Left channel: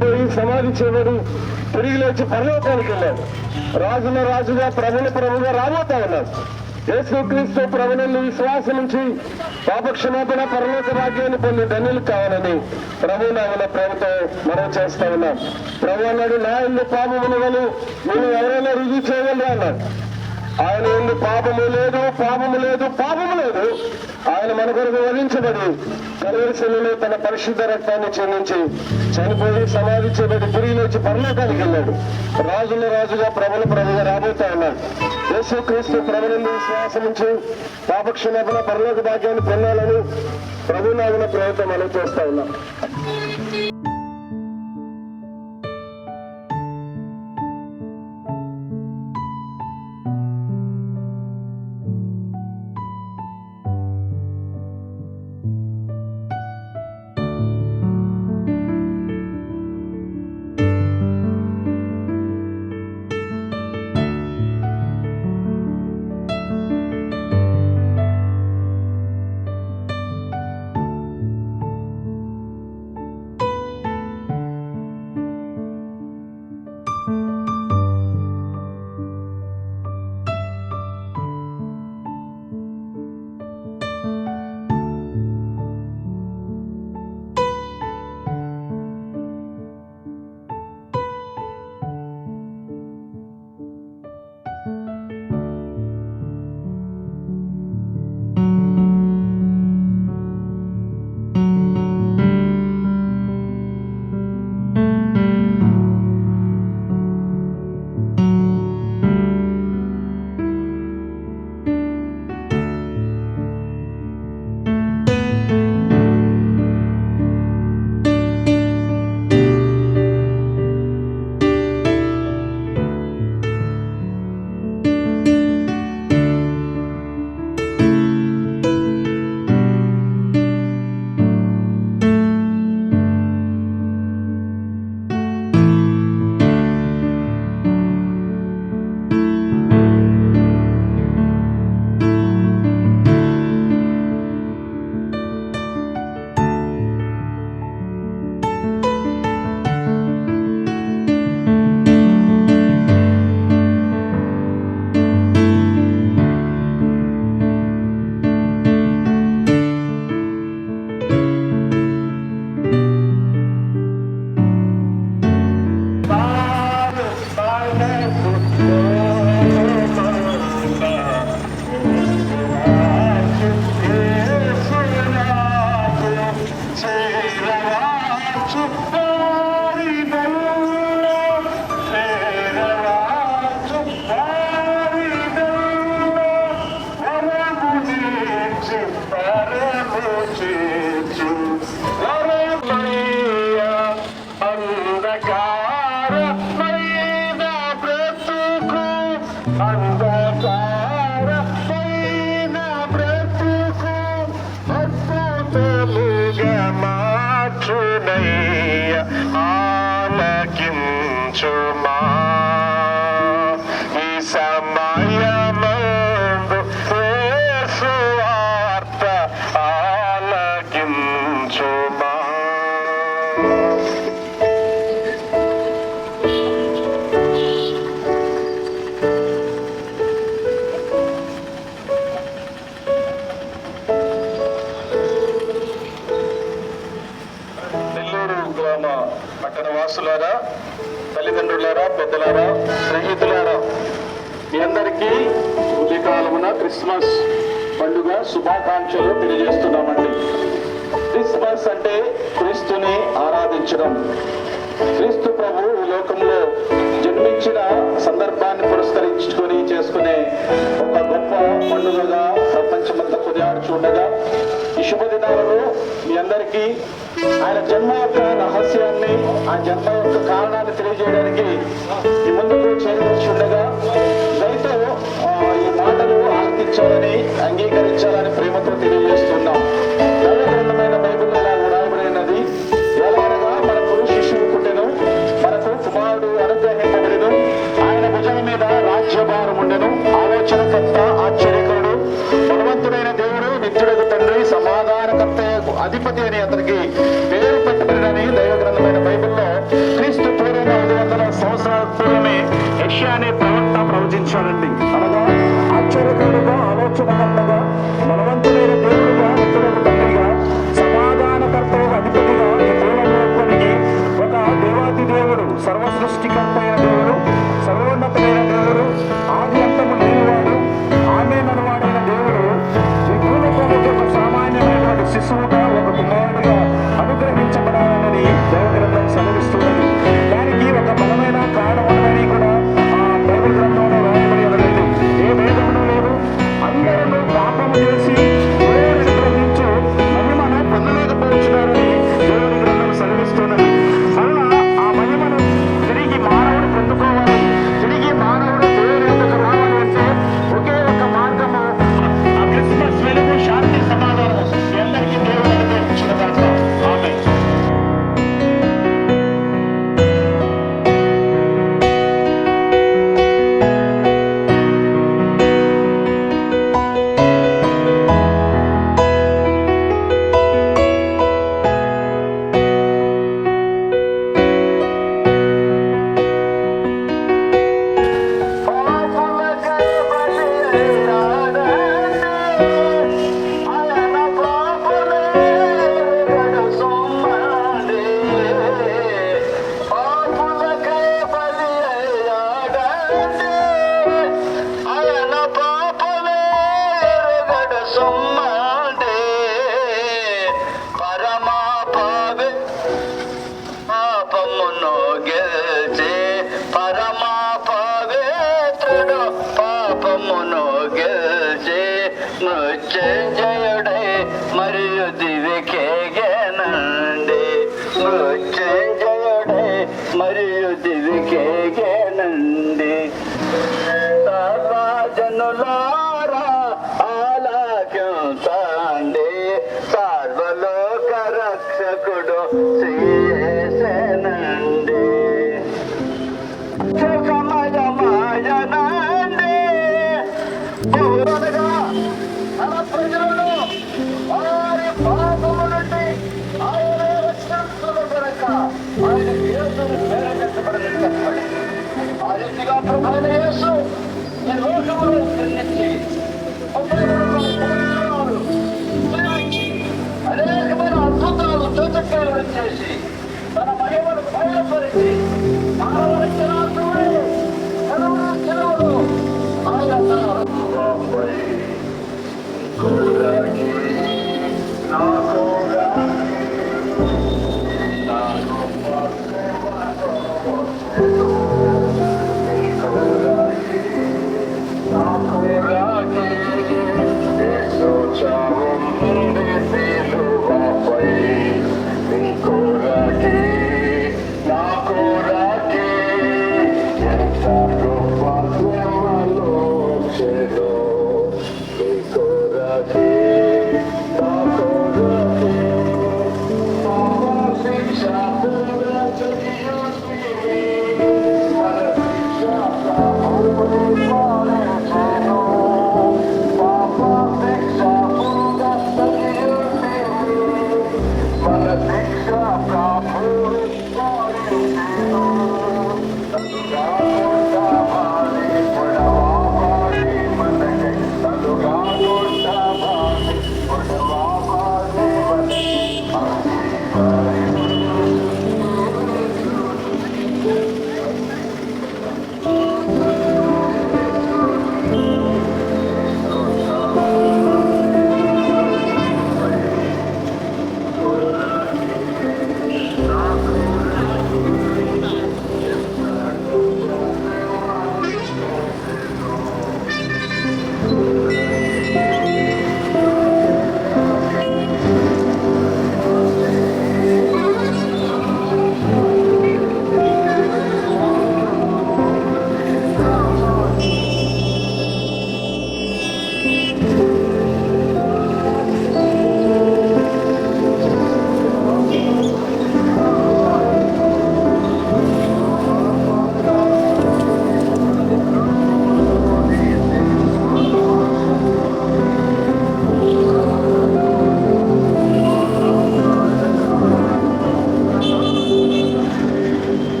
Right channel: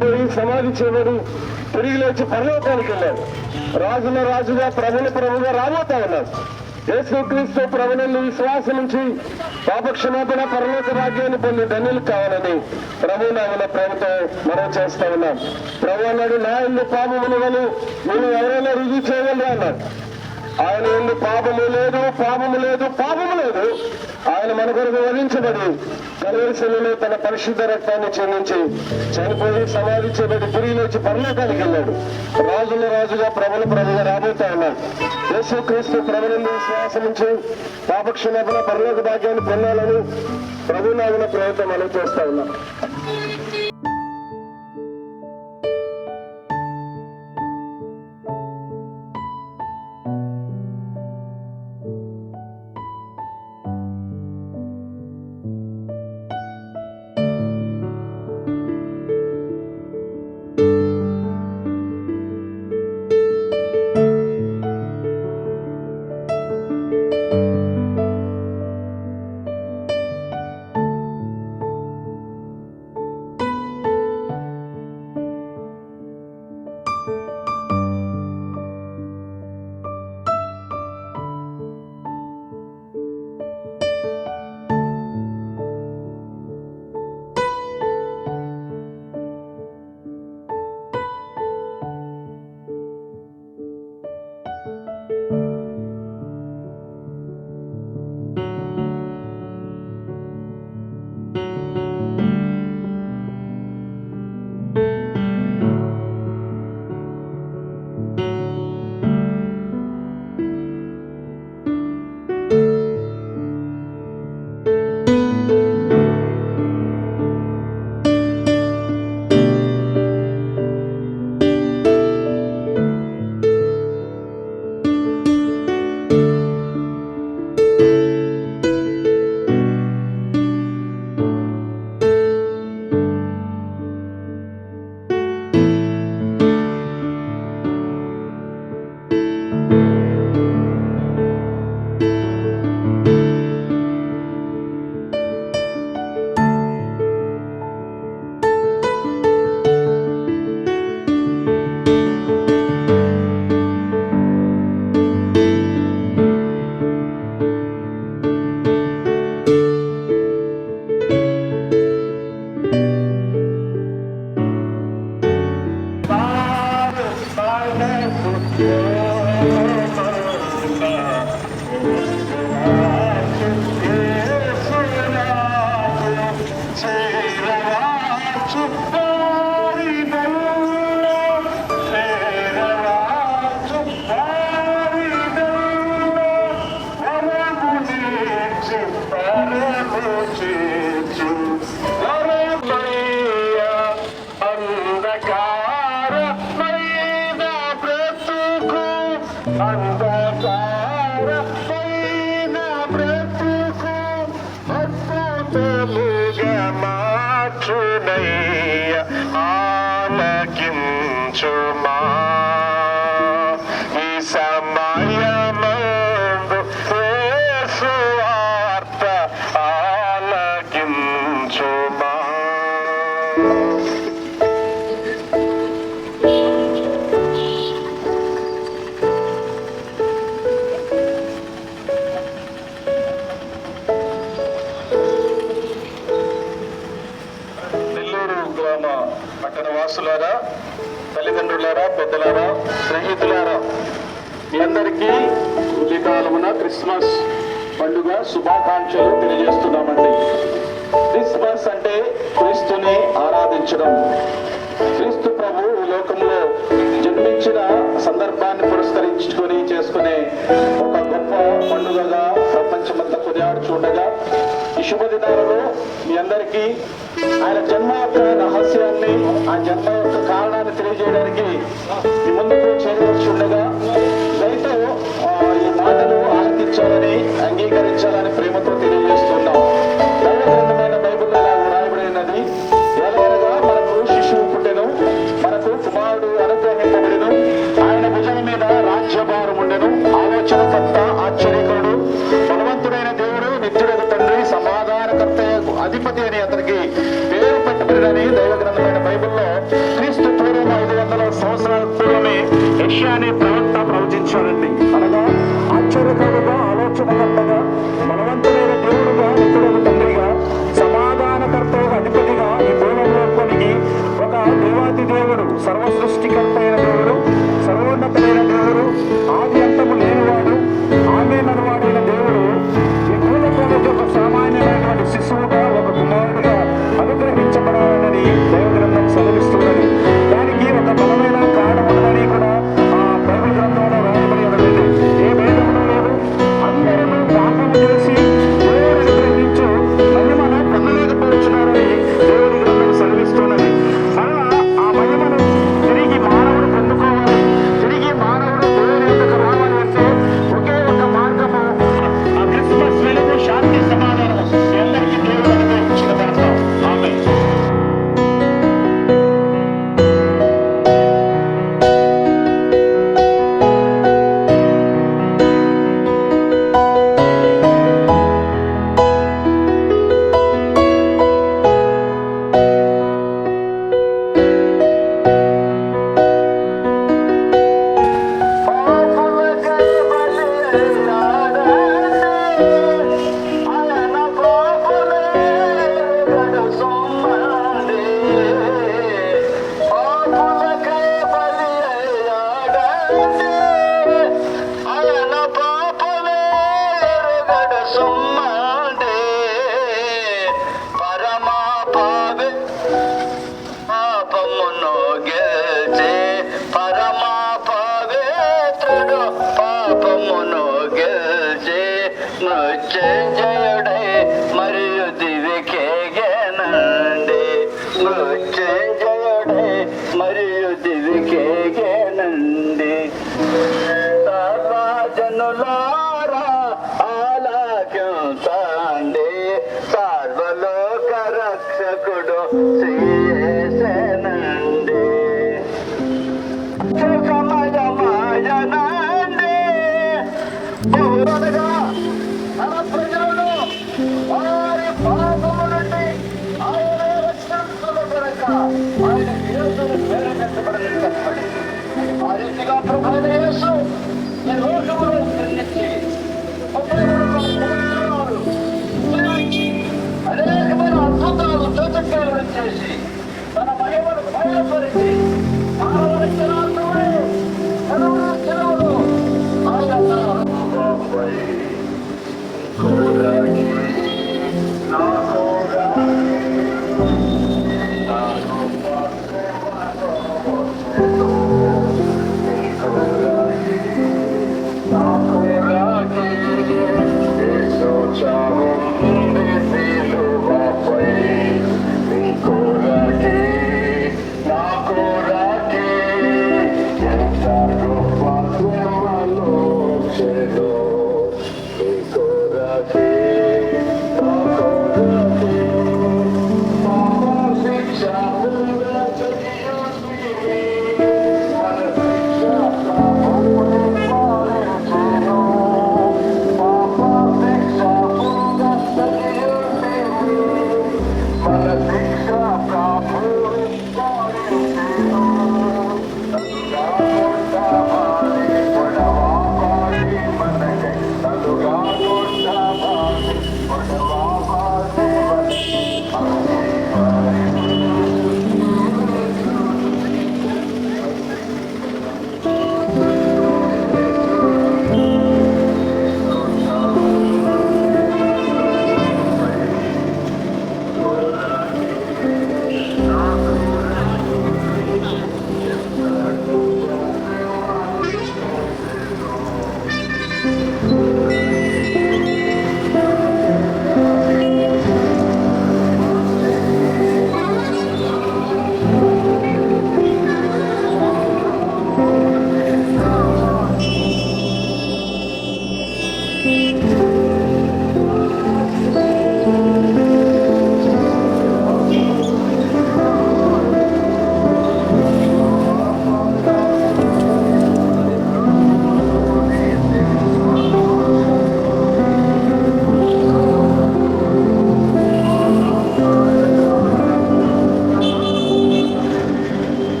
సమాధి చేయబడి తిరిగి లేచి పరలోకానికి వెళ్ళాడు. రాజుల రాజుగా ప్రభుల ప్రభుగా రాబోతా ఉన్నాడు. యేసుక్రీస్తు ప్రభువుని విశ్వాసం నుంచి పాపక్షమాపణ పరలోక భాగ్యాన్ని పొంది ధన్యులు కావాలని ప్రభు నామన ప్రేమతో మనం చేస్తా ఉన్నాం. ప్రభు అన్నాడు, నా ఇల్లు పాపములు వలు నేను ఎవరైనా రుజువు చేయగలరా అన్నాడు. ఆయన ఇల్లు పాపము లేదు, పాపము లేదు, పాపము లేదు. ఆయన మన కొరకు వధించబడి కల్వరిశిలలో తన పరిశుద్ధ రక్తాన్ని చెందించి చనిపోయి సమాధి చేయబడి తిరిగి లేచి పరలోకానికి వెళ్ళాడు. రాజుల రాజుగా ప్రభుల ప్రభుగా రాబోతా ఉన్నాడు. యేసుక్రీస్తు ప్రభువుని విశ్వాసం నుంచి పాపక్షమాపణ పరలోక భాగ్యాన్ని పొందాలని ప్రభు నామన ప్రేమతో మనం చేస్తా ఉన్నాం. పట్టణ వాసులారా, తల్లిదండ్రులారా, పెద్దలారా, స్నేహితులారా, మీ అందరికీ ఉదయకాలమున క్రిస్మస్ పండుగ శుభాకాంక్షలు తెలియజేస్తున్నామండి. క్రిస్మస్ అంటే క్రీస్తుని ఆరాధించడం. క్రీస్తు ప్రభు ఈ లోకంలో జన్మించిన సందర్భాన్ని పురస్కరించుకొని చేసుకునే ఒక గొప్ప పండుగగా ప్రపంచమంతా కొనియాడుచుండగా ఈ శుభదినాలలో మీ అందరికీ ఆయన జన్మ యొక్క రహస్యాన్ని, ఆ జన్మ యొక్క కారణాన్ని తెలియజేయడానికి మీ ముందుకు చేరవచ్చి ఉండగా దయతో ఈ మాటలు ఆలకించాలని, అంగీకరించాలని ప్రేమతో తెలియజేస్తున్నాం. దైవ గ్రంథమైన బైబిల్లో ఇలా వ్రాయబడినది, ఎలాగనగా మనకు శిశువు పుట్టెను, మనకు కుమారుడు అనుగ్రహింపబడిను, ఆయన భుజం మీద రాజ్యభారం ఉండెను, ఆలోచనకర్త, ఆశ్చర్యకరుడు, బలవంతుడైన దేవుడు, నిత్యుడకు తండ్రి, సమాధానకర్త అధిపతి అని అతనికి పేరు పెట్టబడినని దైవ గ్రంథమైన బైబిల్లో క్రీస్తు పూర్వం 500 సంవత్సరాల పూర్వమే యెషయా అనే ప్రవక్త ప్రవచించాడండి. అనగా ఆశ్చర్యకరుడుగా, ఆలోచనకర్తగా, బలవంతుడైన దేవుడుగా, నిత్యుడకు తండ్రిగా, సమాధానకర్తగా, అధిపతిగా ఈ భూలోకానికి ఒక దేవాతి దేవుడు, సర్వ సృష్టికర్త అయిన దేవుడు, సర్వోన్నతుడైన దేవుడు, ఆది అంతము లేనివాడు, ఆమేననువాడైన దేవుడు ఈ భూలోకంలోకి ఒక సామాన్యమైనటువంటి శిశువుగా, ఒక కుమారుడిగా అనుగ్రహించబడాలని దైవ గ్రంథం సెలవిస్తున్నది. దానికి ఒక బలమైన కారణం ఉన్నదని కూడా ఆ బైబిల్ గ్రంథంలో రాయబడి ఉన్నది. ఏ భేదమును లేదు. అందరూ పాపము చేసి దేవుడిని గ్రహించు మహిమను పొందలేకపోతున్నారని దేవుడి గ్రంథం సెలవిస్తున్నది. మరలా ఆ మహిమను తిరిగి మానవుడు పొందుకోవాలి, తిరిగి మానవుడు దేవుని యొద్దకు రావాలి అంటే ఒకే ఒక మార్గము ఆ క్రిస్మస్ వెలుగు, శాంతి, సమాధానము అందరికీ దేవుడు అనుగ్రహించిన దాంట్లో ఆమేన్. మృత్యుంజయుడై మరియు దివికేగేనండి, మృత్యుంజయుడై మరియు దివికేగేనండి. సర్వజనులారా ఆలకించండి, సర్వలోక రక్షకుడు శ్రీయేసేనండి. సమయమాయనండి బహురగా మన ప్రజలను వారి పాపము నుండి ఆయన రక్షించును కనుక ఆయన యేసును ప్రేరేపించబడిన కష్టపడి ఆ రీతిగా ప్రభువైన యేసు ఈ లోకములో జన్మించి అనేకమైన అద్భుతాలు చోచక్కాలు చేసి తన మహిమను బయలుపరిచి మానవ రక్షణార్థమై సెలవులు ఆయన నా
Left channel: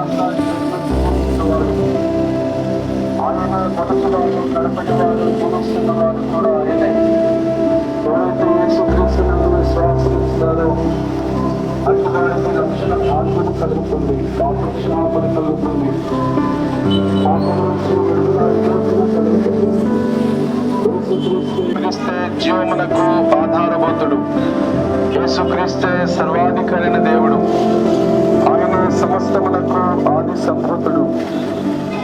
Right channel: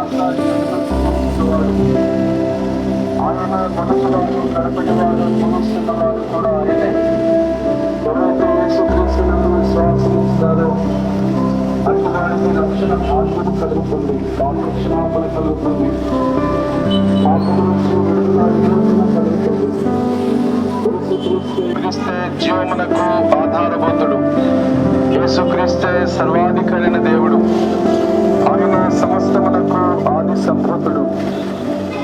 ఆజ్ఞాకాన్ని వాడు ఆయన మొదటివాడు కడపటివాడు ముగిస్తున్నవాడు కూడా ఆయనే. ఎవరైతే యేసుక్రీస్తునందు విశ్వాసమిస్తారో అటు వారికి రక్షణ భాగ్యం కలుగుతుంది, పాపక్షమాపణ కలుగుతుంది, పాపం నుంచి విడుదల విమోచన కలుగుతుంది. యేసుక్రీస్తే జీవమునకు ఆధారభూతుడు, యేసుక్రీస్తే సర్వాధికారైన దేవుడు, ఆయన సమస్తమునకు ఆది సంభూతుడు.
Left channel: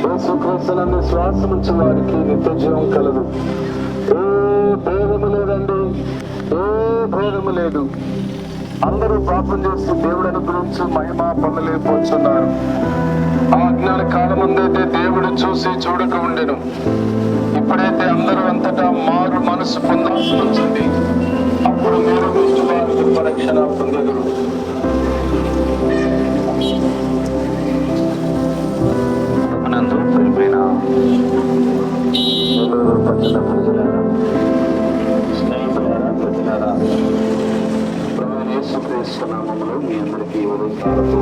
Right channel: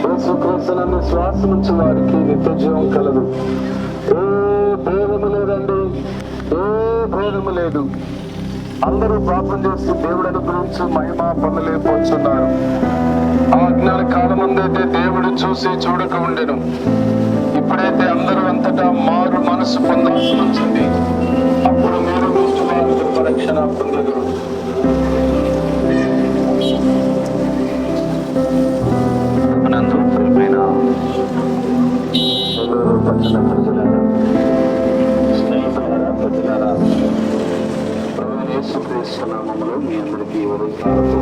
యేసుక్రీస్తునందు శ్వాసముంచు వారికి నిత్య జీవం కలదు. ఏ భేదము లేదండి, ఏ భేదము లేదు. అందరూ పాపం చేసి దేవుడు గురించి మహిమ పొందలేకపోతున్నారు. ఆ అజ్ఞాన కాలం ముందైతే దేవుడు చూసి చూడక ఉండెను. ఇప్పుడైతే అందరూ అంతటా మారు మనసు పొందాల్సి వచ్చింది. అప్పుడు మీరు వారి రక్షణ పొందగలరు. నందు ప్రియమైన నెల్లూరు పట్టణ ప్రజలారా, స్నేహితులారా, ప్రజలారా, ప్రభువైన యేసుక్రీస్తు నామములో మీ అందరికీ ఉదయకాలతో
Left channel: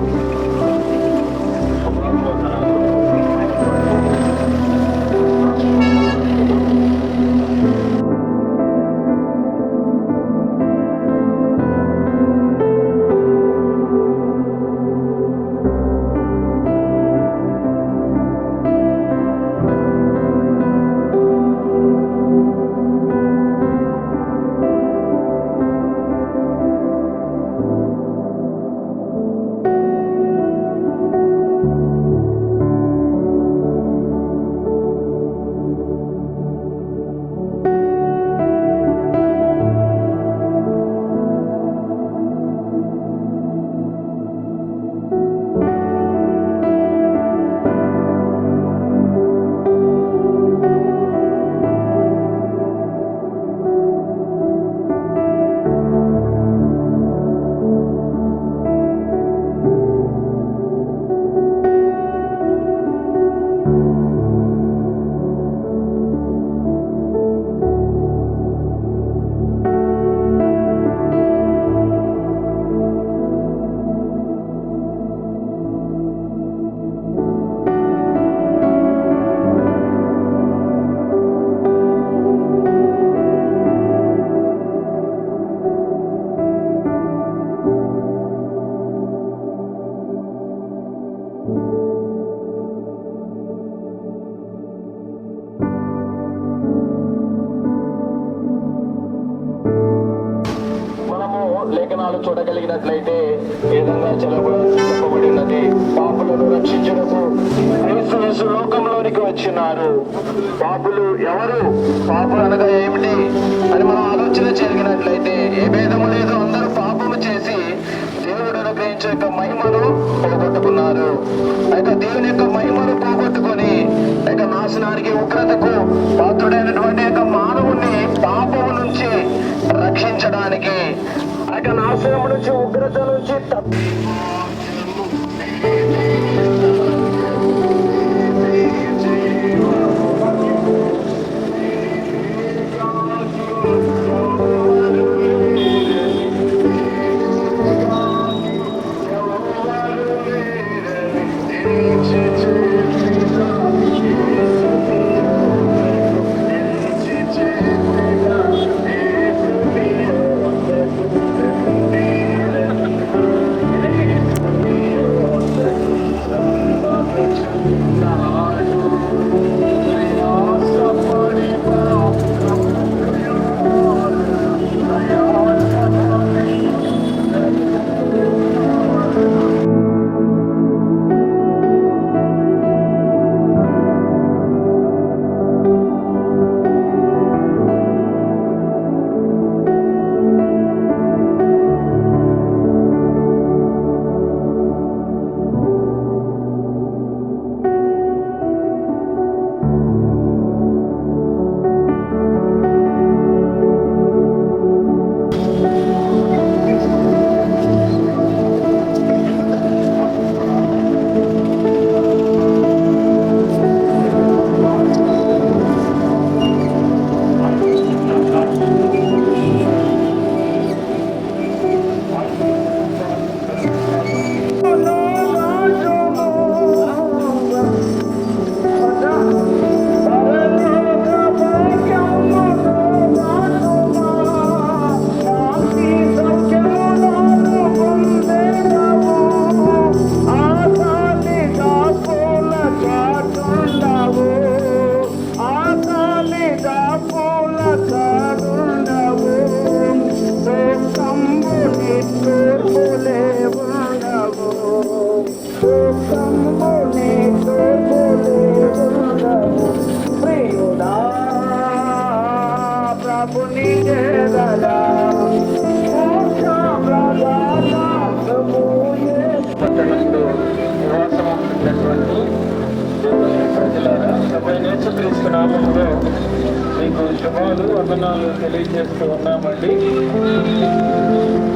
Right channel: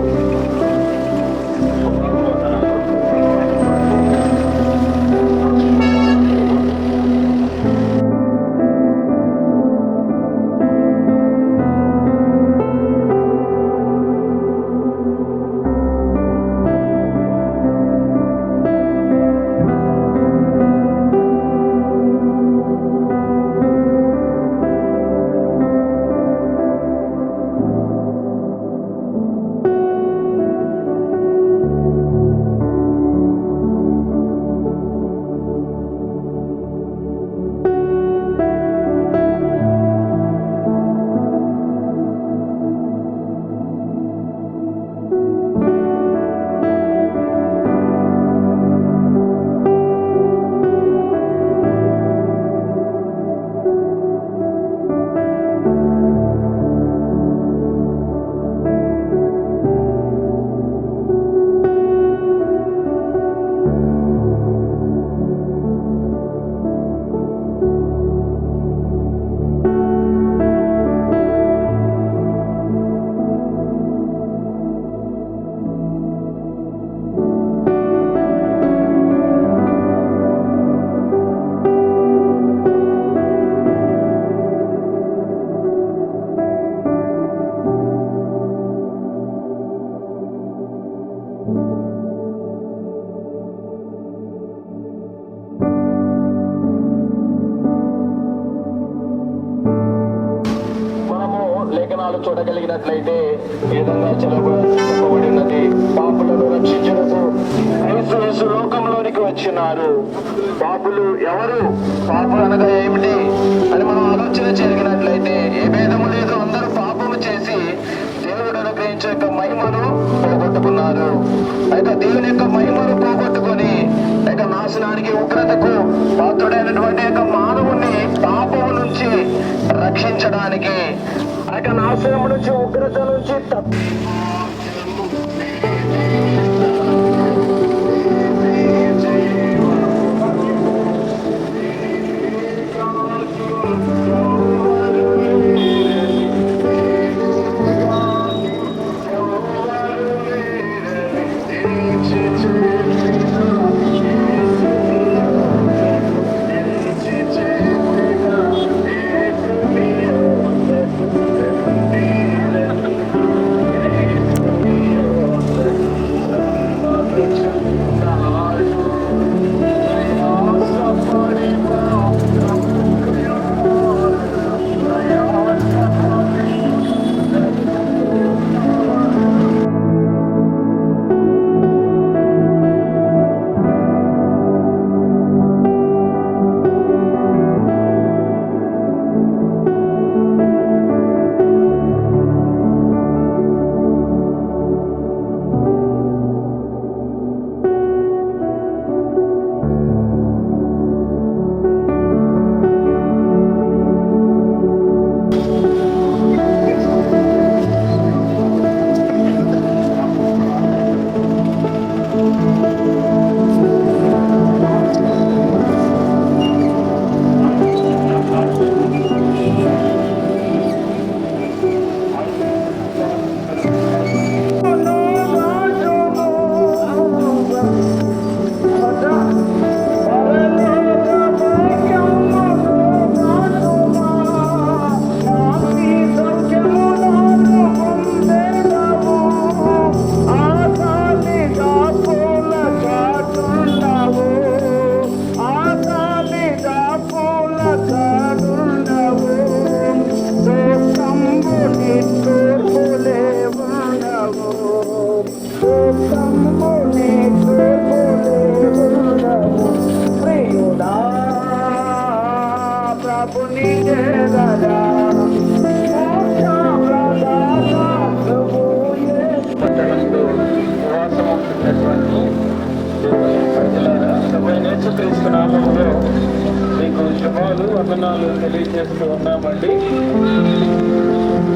లేఖనాలు చూడగలిగినట్లయితే ఈ విధంగా చెప్పబడి ఉన్నది. పాపులను రక్షించుటకు యేసు లోకంలోనికి వచ్చినారు. పాపులు ఎవరు? పాపులు అనగా ఏమిటి అని మనం ఆలోచన చేయగలిగినట్లయితే ఏ భేదము లేదు. అందరూ పాపము చేసి దేవుడు అనుగ్రహించే యొక్క మహిమను పోగొట్టుకున్నారు. అయితే దేవుని యొక్క మహిమను పోగొట్టుకొని నాశనానికి ఉగ్రతకు పాత్రుడైనటువంటి యొక్క మానవుణ్ణి పాపము నుంచి రక్షించడానికి నాశనం నుంచి ఉగ్రత నుంచి ఉన్నటువంటి ప్రజలారా, ప్రభువైన యేసుక్రీస్తు నామములో మీకు శుభాలు వందనాలు తెలియజేస్తూ ఉన్నామండి.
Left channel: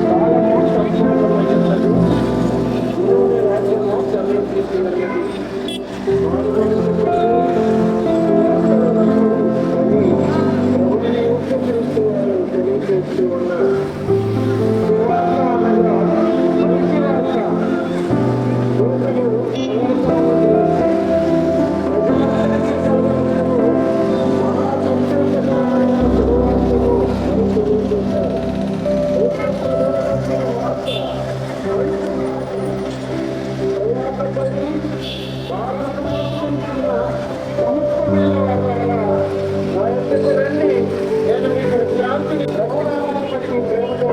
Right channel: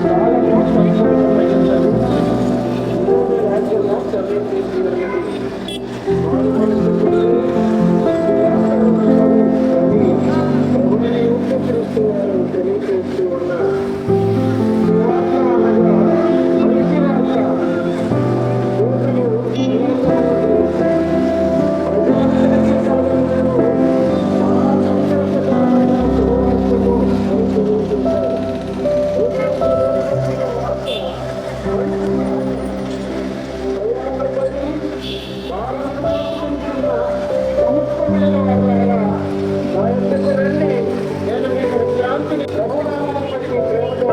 కాలము సంపూర్ణమైనది, దేవుని రాజ్యము సమీపిస్తూ ఉన్నది. అని ప్రభువైన యేసుక్రీస్తు వారు తెలియజేస్తూ ఉన్నారు. సువార్త అనగా మంచి వార్త. నేను మీకు శాంతిని ప్రభునామాన్ని బట్టి ప్రేమతో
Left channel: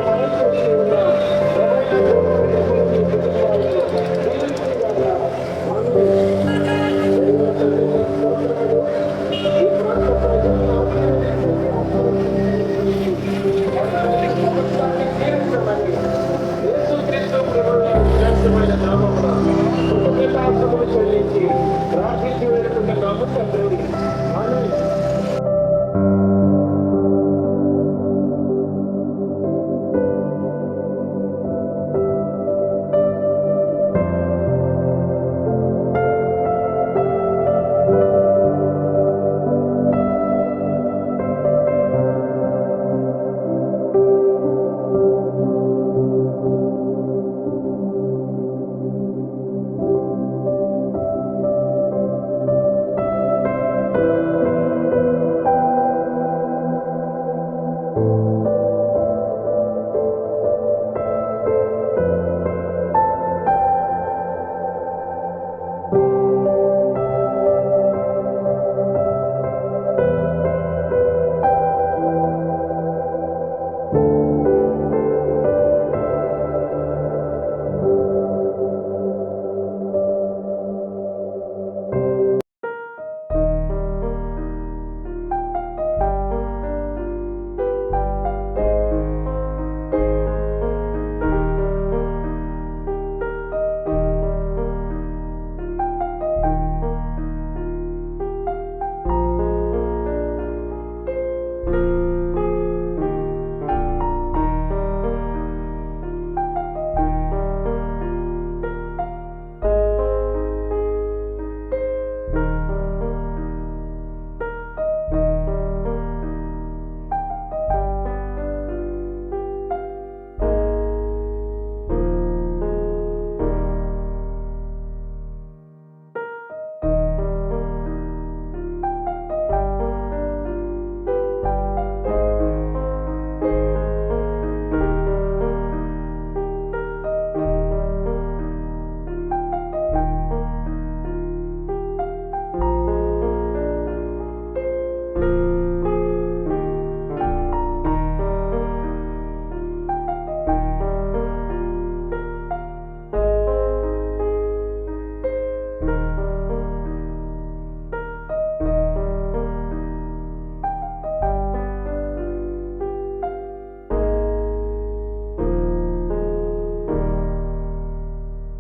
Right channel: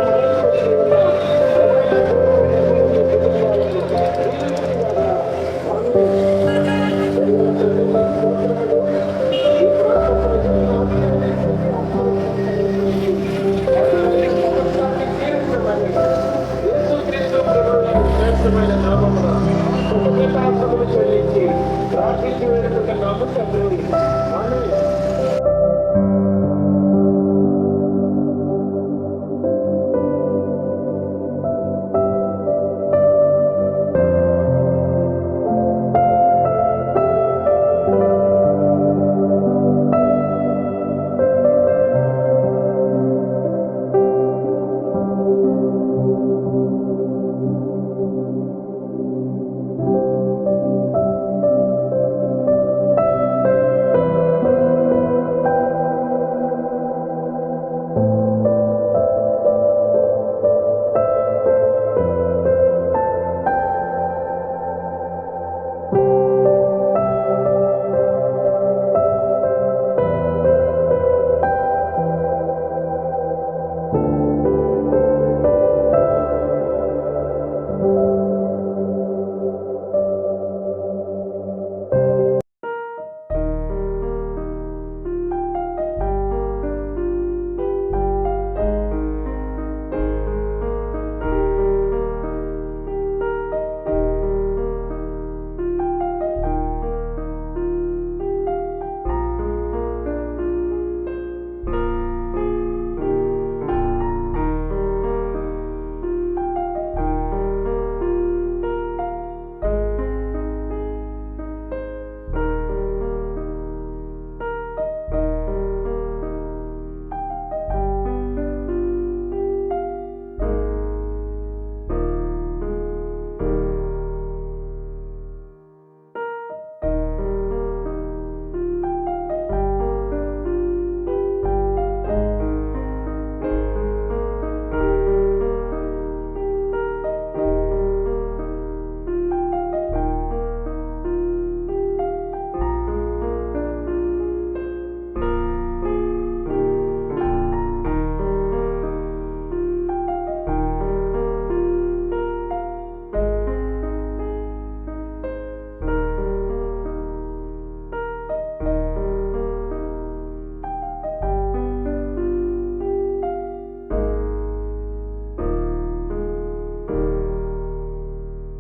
శ్రేష్టమైన నామమున కృతజ్ఞతాస్తుతులు చెల్లించి ప్రార్థించి వేడుకుంటున్నాము తండ్రి. ఆమేన్.